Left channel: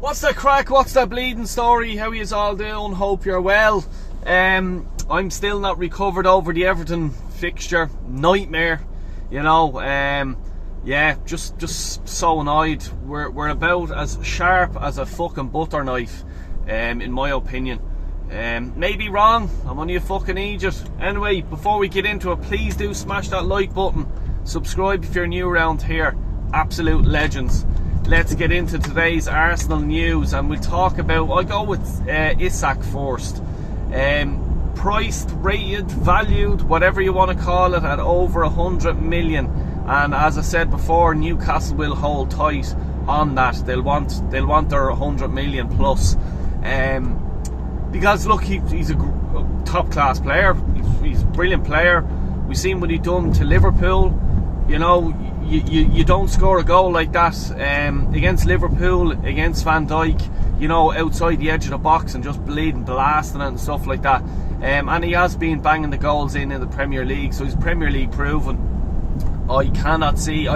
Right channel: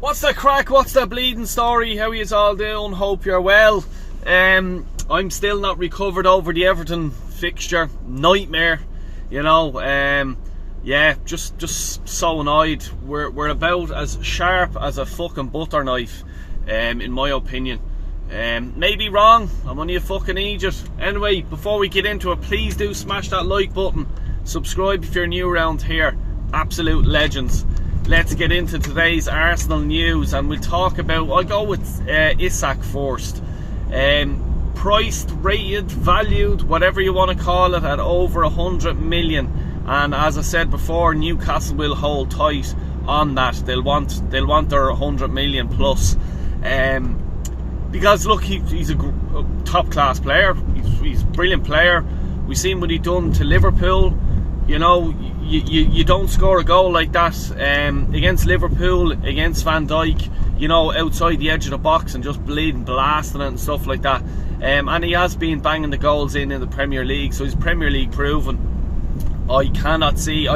What's the crack? What's the bleeding story? How yous all doing? Hope you're well. I'm still not recovered over the Everton fixture. Nightmare, you know. Yeah, just so annoyed. We're about as sharp as a fucking butter knife, in my opinion. Maybe wrong. I'm only a fucking idiot. Anyway, before we get into it, please do smash that like button. Subscribe if you're new around here. Absolute legends. Let's get into today's Arsenal news, and we'll talk about, I'll go with Isak first. Priced, rated, valued, whatever you want to call it, at over 100 million. And as I said before, Newcastle will hold tight on that. They'll want their 100 million plus. Because look, he's a top class player. He's a brilliant player. We've seen what he done to Liverpool. You know, you don't score a goal like that against Liverpool, against Van Dijk, you know, outside the edge of the box and just bleeding, blasting it and stuff like that. And he has been banging the goals in the Premier League, so he's Premier League proven. I cannot see,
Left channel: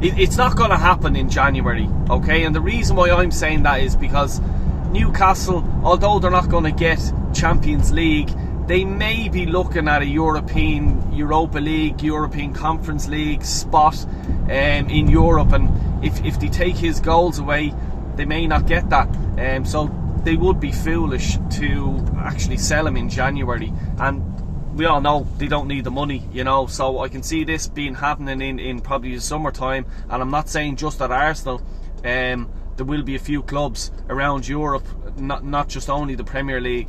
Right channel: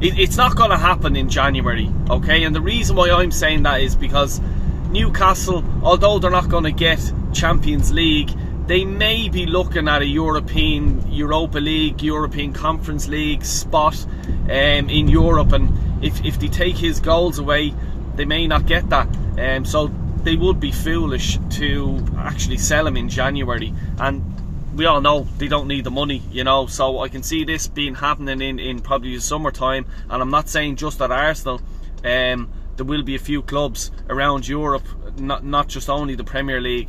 it's not going to happen in January, okay? And the reason why I'm saying that is because Newcastle, although they're not going to get Champions League, they may be looking at a Europa League, European Conference League spot in Europe, and if they take his goals away, they may not get that. So they would be foolish to actually sell him in January, and we all know they don't need the money, you know. So I can see this being happening in probably the summertime, and I'm not saying just at Arsenal. There will be a few clubs around Europe, not just only the Premier League.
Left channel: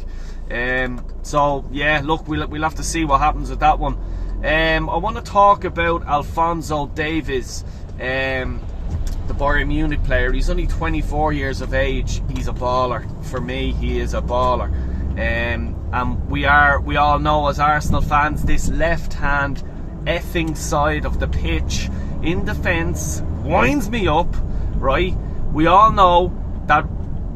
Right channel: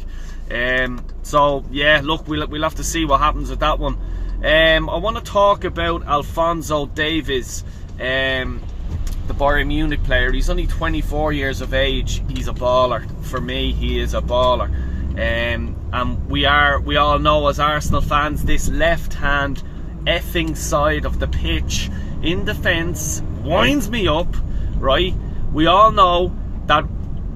So yeah, look, we'll have to see what happens with that one. I want to talk about Alphonso Davies, the Bayern Munich player. He's only 24 years of age. He's a baller. For me, he is a baller. And we all know as Arsenal fans, this left-hand effing side of the pitch in defence winds me up, right? We all know that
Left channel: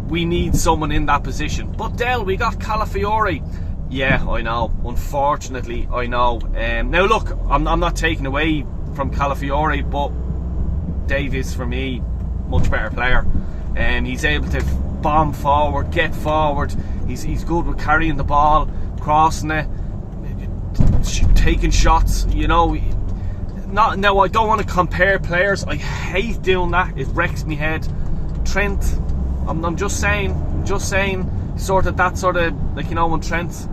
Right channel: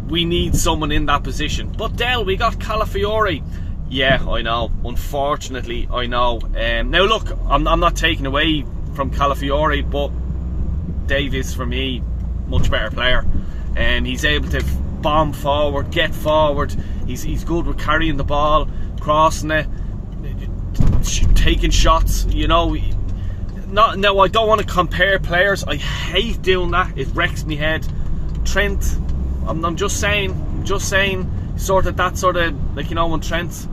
we need someone in that position. But Dell, we got Calafiore. Yeah, I know. Unfortunately, I know. Now look, I'm not taking away from Calafiore, but Davies, for me, much better player. He's able to bomb forward, get forward. He's good with carrying the ball, crossing it, taking shots. You know. Now I don't want to compare players. I hate doing that. It wrecks me head. Trent, I'm just saying, sort of like, you know, when Trent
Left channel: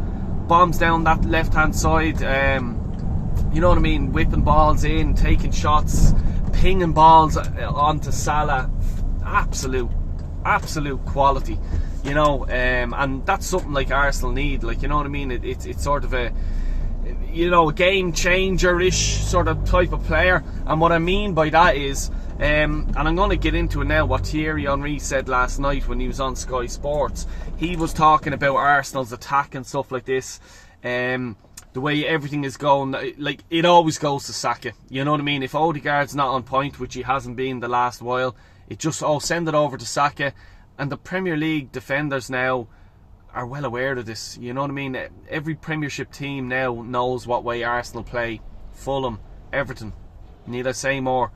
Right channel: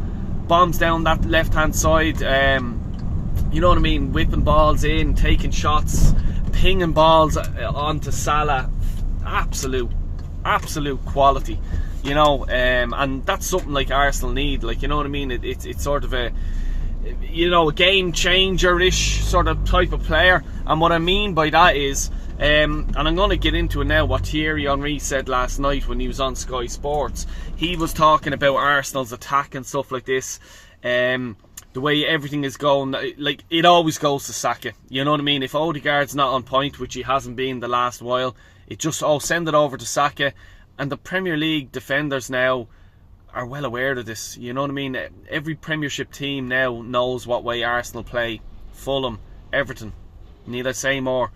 bombs down that left hand side, you know what I mean, whipping balls in, taking shots, pinging balls onto Salah, absolute quality, you know. And that's something like Arsenal need, like, you know what I mean. It's sort of a, you know, a game changer-ish sort of type of player. And what I mean by that is, and I'm going to get into it now, what Thierry Henry said last night when he was on Sky Sports. He was talking about Arsenal's attack and stuff like this. The way everything is going, like, it always goes to Saka. You know what I mean? If Odegaard's not on point, which he hasn't been the last while, it just, send it over to Saka. And the Premier League defenders now are well aware of this. You know what I mean? Every Premiership team now knows what way Arsenal play. Fulham, Everton, need I say more?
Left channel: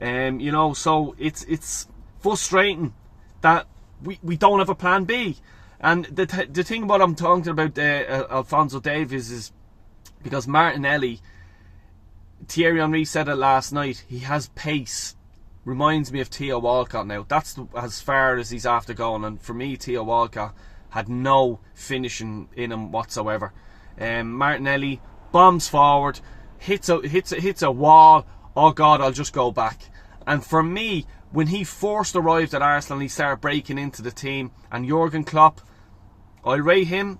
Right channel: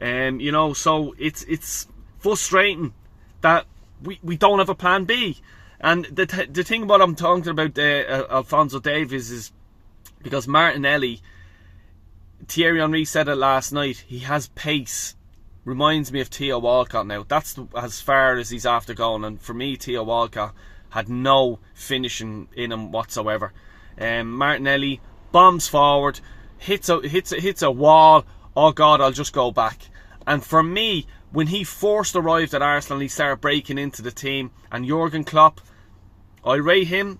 You know, so it's frustrating that we don't have a plan B. And the thing what I'm talking about Alphonso Davies is because Martinelli, Thierry Henry said it last night, he has pace. Reminds me of Theo Walcott now. That's as far as he's after going. And for me, Theo Walcott had no finishing in him whatsoever. Martinelli bombs forward, hits a wall. Oh God, I'll just go back. And for me, when he first arrived at Arsenal, he started breaking into the team. And Jurgen Klopp, I rate him.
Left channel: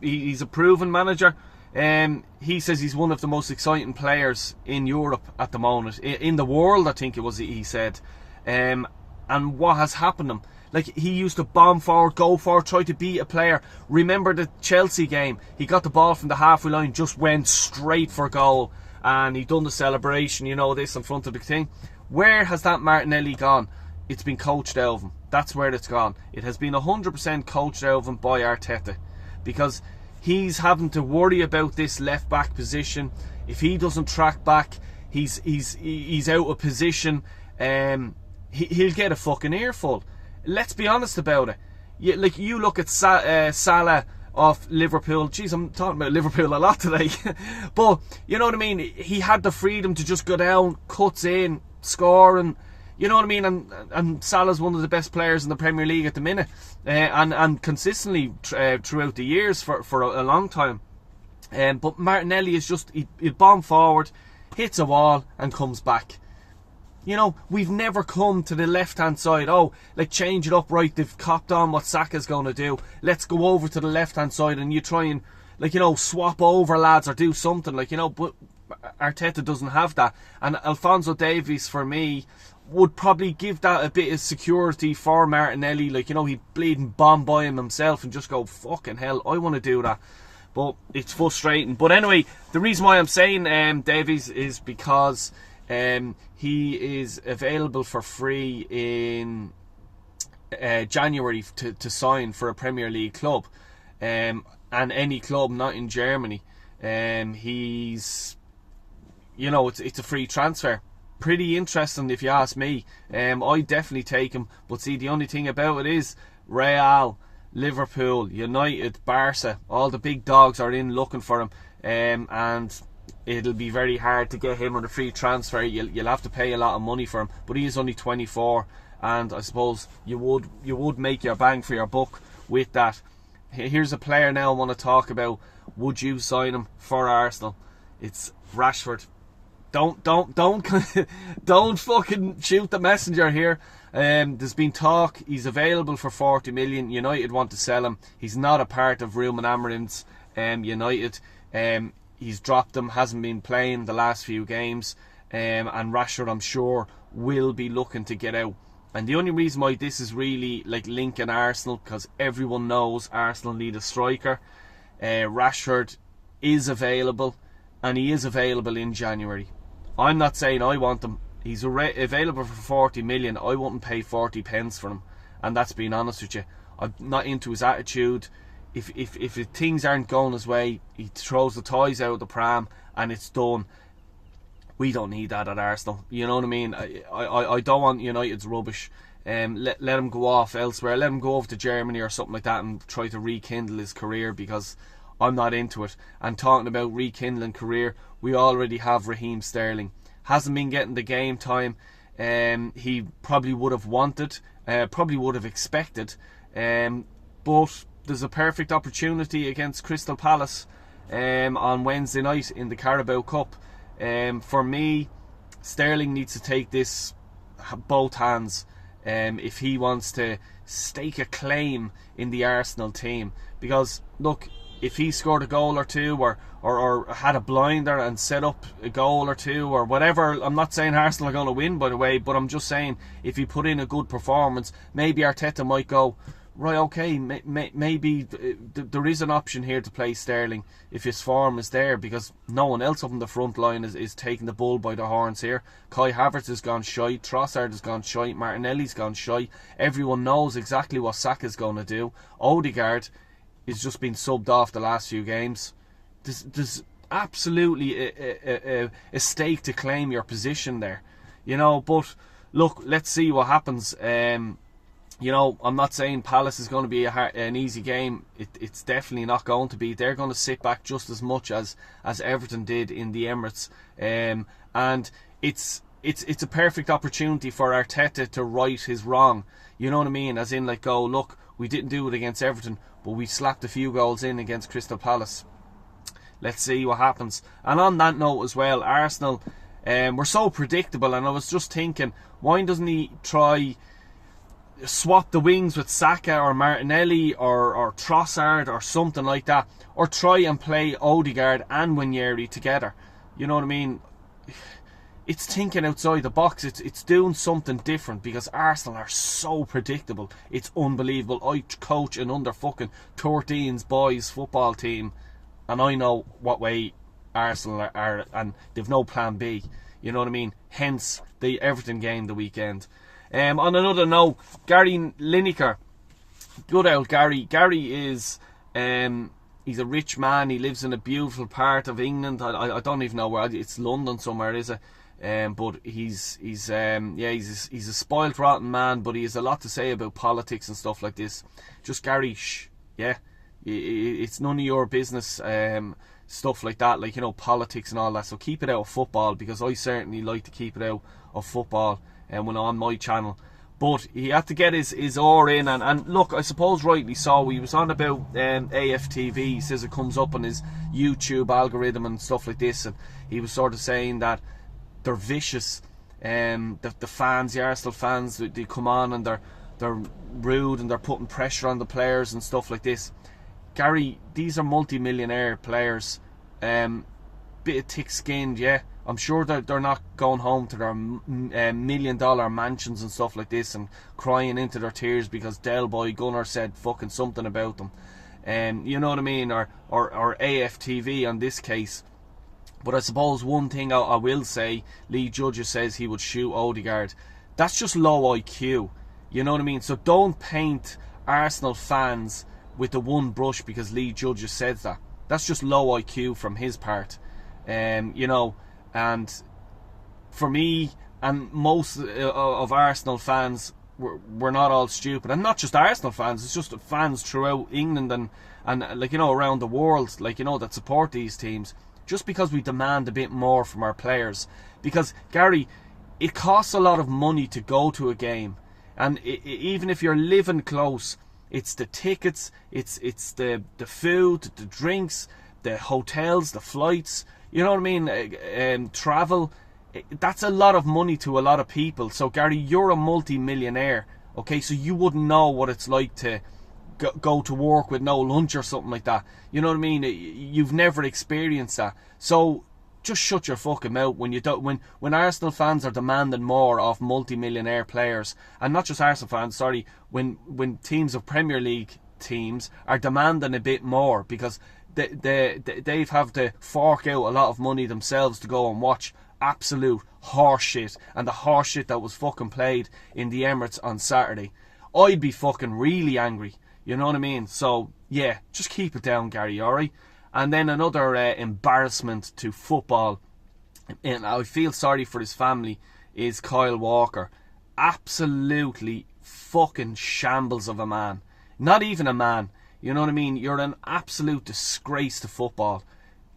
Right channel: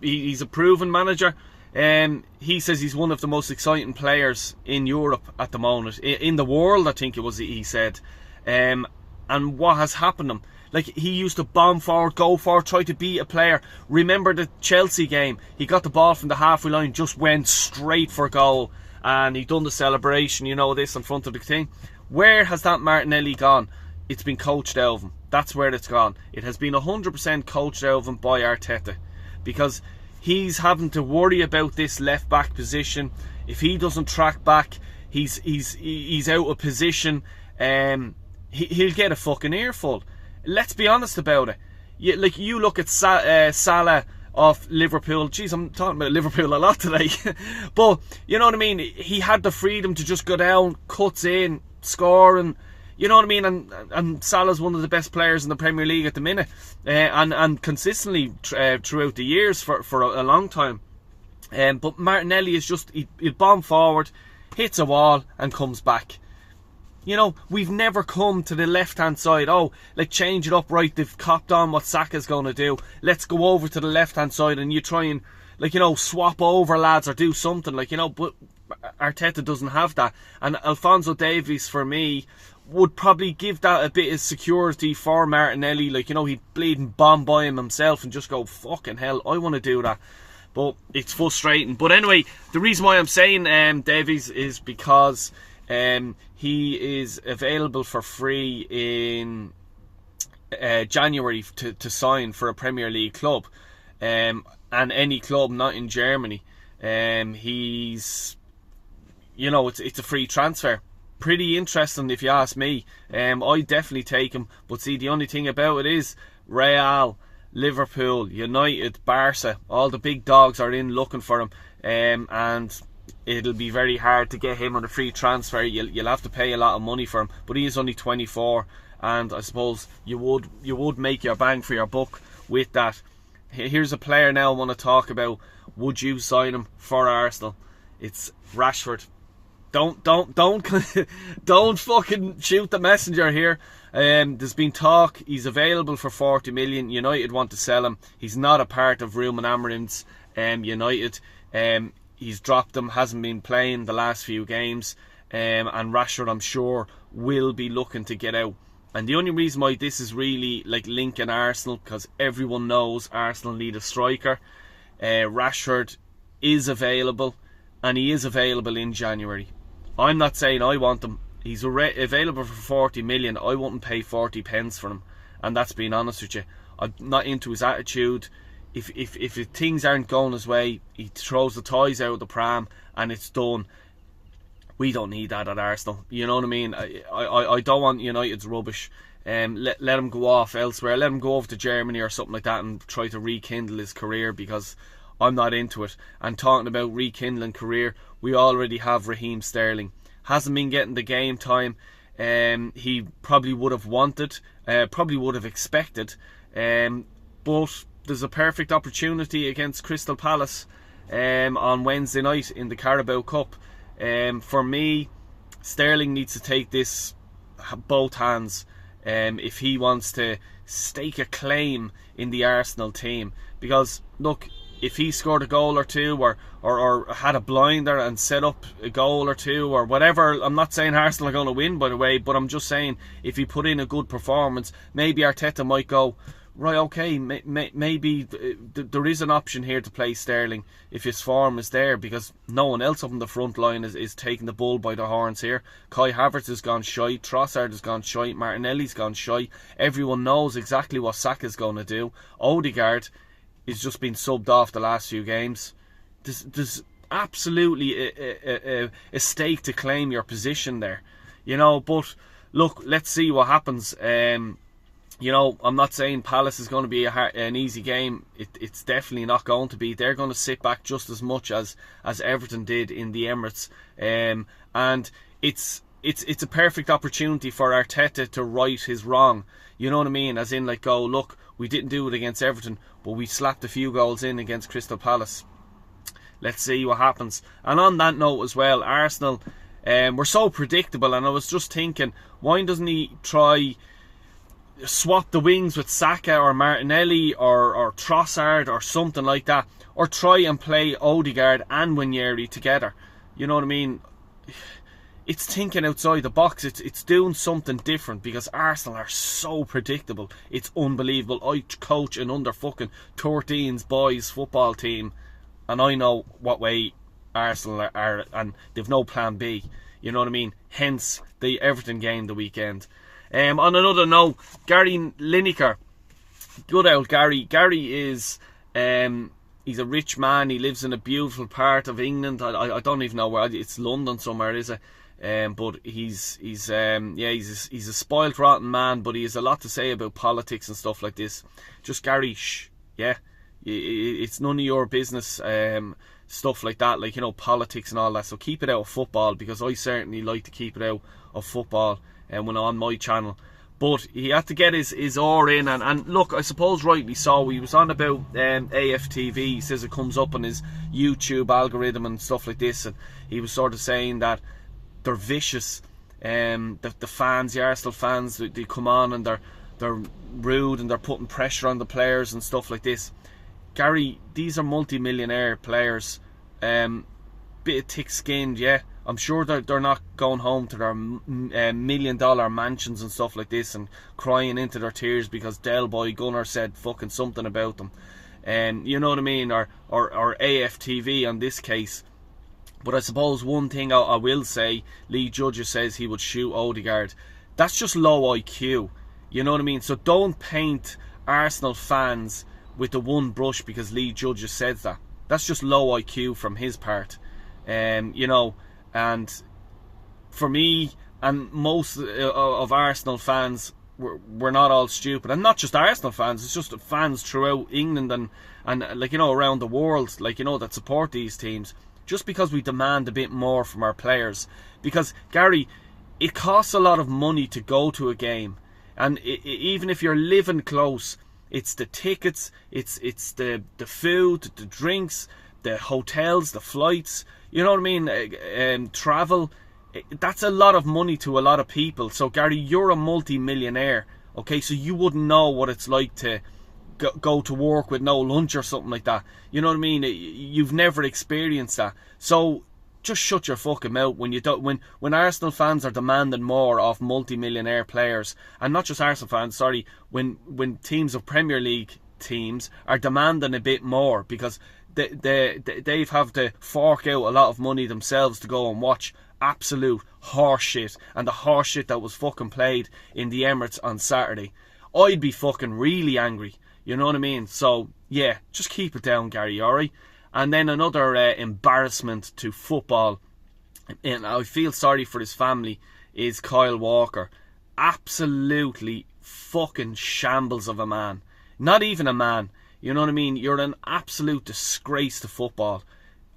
He's a proven manager. He says he's one of the most exciting players in Europe at the moment, in the world, I think it was, he said. And what has happened to him? Like, he used to bomb forward, go forward, try to beat a player. Remember the Chelsea game? He got the ball from the halfway line, just went straight for goal, and he done the celebration, you know, this in front of the thing. Where has that Martinelli gone? It's been coached out of him. That's where it's gone. It has been 100% coached out of him by Arteta, because he's having to worry about this left back position. If he doesn't track back, he's out of position. He'll get a fucking earful. let's be honest about it. You look at Salah of Liverpool. Jeez, I'm talking about Liverpool a lot today. But, you know what I mean? He had the freedom to just go down, cuts in, score, and you know what I mean? And Salah's one of the best players in the Premier League at the minute. And consistently throughout the years for a long time. But Martinelli is just, he'd bomb forward, hits a wall, and comes back. You know, we've never come to the left-hand side. Oh, let's change it up, right? They've copped on what Saka's going to do. Let's go over to the left-hand side and you try and, like, you know, swap over, lads, or do something, like, you know. But Arteta doesn't have that. And Alphonso Davies, for me, would probably give that a bit of security for Martinelli. Like, you know, he'd bleed and bomb by him himself and just go, fucking hell, I want to do that. But it's frustrating. But anyway, the reason why I'm saying Davies is because he is available for free in January to sign for a Premier League club, and any club not in Germany. He's, you know, it's a free transfer. Pretty interesting if you ask me. I'd definitely take him. But see, the only thing about it is Real, Liverpool, United, Barca, all the big dogs are in looking for him, and it'll be very hard to get him on a free transfer. You'll have to pay a lot of money for him, but he is only 24, and I suppose you would make your bang for your buck with that. Here's a player now I want to talk about. Would you sign him for Arsenal? It's Rashford. Don't don't fucking shoot the messenger here. There's been talk he's available for 40 million. United want to sell him. He's not a part of Ruben Amorim's United. He's dropped them, hasn't been playing the last few games, and Rashford, I'm sure, will be looking to get out. And the only reason why this is really like linking Arsenal, because everyone knows Arsenal need a striker. Rashford is available, and he is available in January. I'm not saying I want him. He's available for 40 million. I wouldn't pay 40 pence for him, and that's being honest with you. I'm not into his attitude. If things aren't going his way, he throws the toys out of the pram and it's done. We don't need that at Arsenal. You know what I mean? I don't want United's rubbish. Let him go off elsewhere. Let him go over to Germany or something like that and try to rekindle his career, because I'm not into it. And talking about rekindling career, we already have Raheem Sterling. Hasn't been getting the game time he probably would have wanted, probably would have expected, but there's a perfect opportunity against Crystal Palace on Wednesday night in the Carabao Cup. For me, Sterling needs to take this both hands if he wants to stake a claim in the Arsenal team. Because look, if he scored a goal or two, or had a blinder and set up a goal or two or whatever, I'm not saying Arsenal are going to win, by the way, but I'm just saying if he put in a good performance, maybe Arteta might go, right, okay, maybe there is an option here to play Sterling if his form is there, because no one else up in the front line is taking the bull by the horns here. Kai Havertz has gone shy, Trossard has gone shy, Martinelli's gone shy. Everyone knows exactly what Saka's going to do. Odegaard is just been subbed off the last few games. There's absolutely a stake to claim your position there, you know. But look, let's see what happens. You know, I'm not saying Palace is going to be an easy game. It's definitely not going to be. They're going to sit back just as much as Everton did in the Emirates, and it's a perfect opportunity for Arteta to right his wrong. You know what I mean? As in, like, go, look, we didn't do it against Everton, but we slapped a few goals in against Crystal Palace. Let's see what happens. And on that note as well, Arsenal, we're so predictable, and I was just thinking, why doesn't he try swap the wings with Saka or Martinelli or Trossard or something like that, or try and play Odegaard and Nwaneri together? You know what I mean? It's thinking outside the box. It's doing something different, because Arsenal are so predictable. It's unbelievable. I coach an under fucking 13s boys football team, and I know what way Arsenal are, and they've no plan B. You know what I mean? Hence the Everton game the weekend. On another note, Gary Lineker, good old Gary. Gary is he's a rich man. He lives in a beautiful part of England. I don't even know where. It's London somewhere, is it? But he's a spoilt rotten man, but he has a lot to say about politics and stuff like this. Just Gary, shh, yeah, it's none of your business, stuff like that, like, you know, politics and all that. So keep it out of football, because I certainly like to keep it out of football when on my channel. But he had to get his oar in, and look, I suppose rightly so. He was on about AFTV. He says it comes up on his YouTube algorithm and stuff like this, and he was sort of saying that they're vicious. The fans, the Arsenal fans, they come on and they're rude and they're putting pressure on the players and stuff like this. Gary, these are multi-millionaire players, bit of thick-skinned, yeah. I'm sure they're not going home to their million-dollar mansions and stuff like this and crying into their tears because Del Boy Gunner said fucking something about them. You know what I mean? Or AFTV on this case. But I suppose one thing I will say, Lee Judges says he would shoot Odegaard. That's just low IQ. You know what I mean? So don't paint Arsenal fans with the one brush because Lee Judges says that. That's just low IQ from his part. You know, and for me and most of Arsenal fans, we're not all stupid. And not just Arsenal fans, it's just fans throughout England and like, you know, around the world, like, you know, that support these teams. Just because we demand a bit more from our players. Because, Gary, it costs a lot of money to go to a game. And even if you're living close, it's the tickets, it's the food, the drinks, the hotels, the flights, you know what I mean, travel. That's a lot of money to a lot of people. So, Gary, you're a multi-millionaire, okay? So you wouldn't know what it's like to go to work with no lunch or something like that. You know what I mean? You've never experienced that. So just shut your fucking mouth when you don't. When Arsenal fans are demanding more of multi-millionaire players, and not just Arsenal fans. Sorry, when teams of Premier League teams are demanding a bit more because they've have to fork out a lot of money themselves to go and watch absolute horse shit, and the horse shit that was fucking played in the Emirates on Saturday. I'd be fucking really angry. You know what I mean? So, yeah, just keep it down, Gary, alright? And then another embarrassment to football, and I feel sorry for his family, is Kyle Walker. Absolutely fucking shambles of a man. Not even a man. You know what I mean? You're an absolute disgrace to football.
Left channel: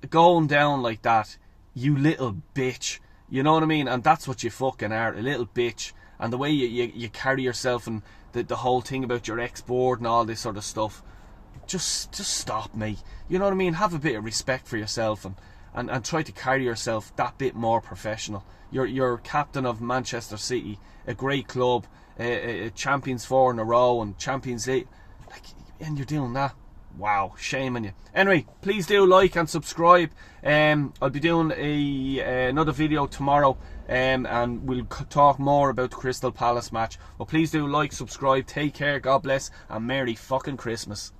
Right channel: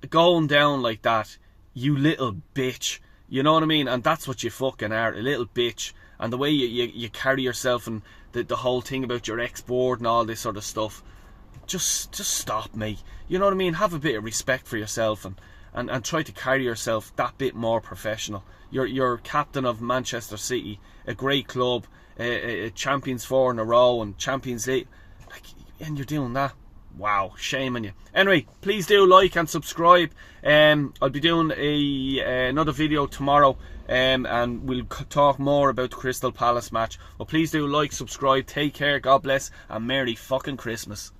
Going down like that, you little bitch. You know what I mean? And that's what you fucking are, a little bitch. And the way you carry yourself and the whole thing about your ex-board and all this sort of stuff, just stop, mate. You know what I mean? Have a bit of respect for yourself and try to carry yourself that bit more professional. You're captain of Manchester City, a great club, a Champions 4 in a row and Champions League, and you're doing that. Wow, shame on you. Anyway, please do like and subscribe. I'll be doing another video tomorrow, and we'll talk more about the Crystal Palace match. Well, please do like, subscribe, take care, God bless, and Merry fucking Christmas.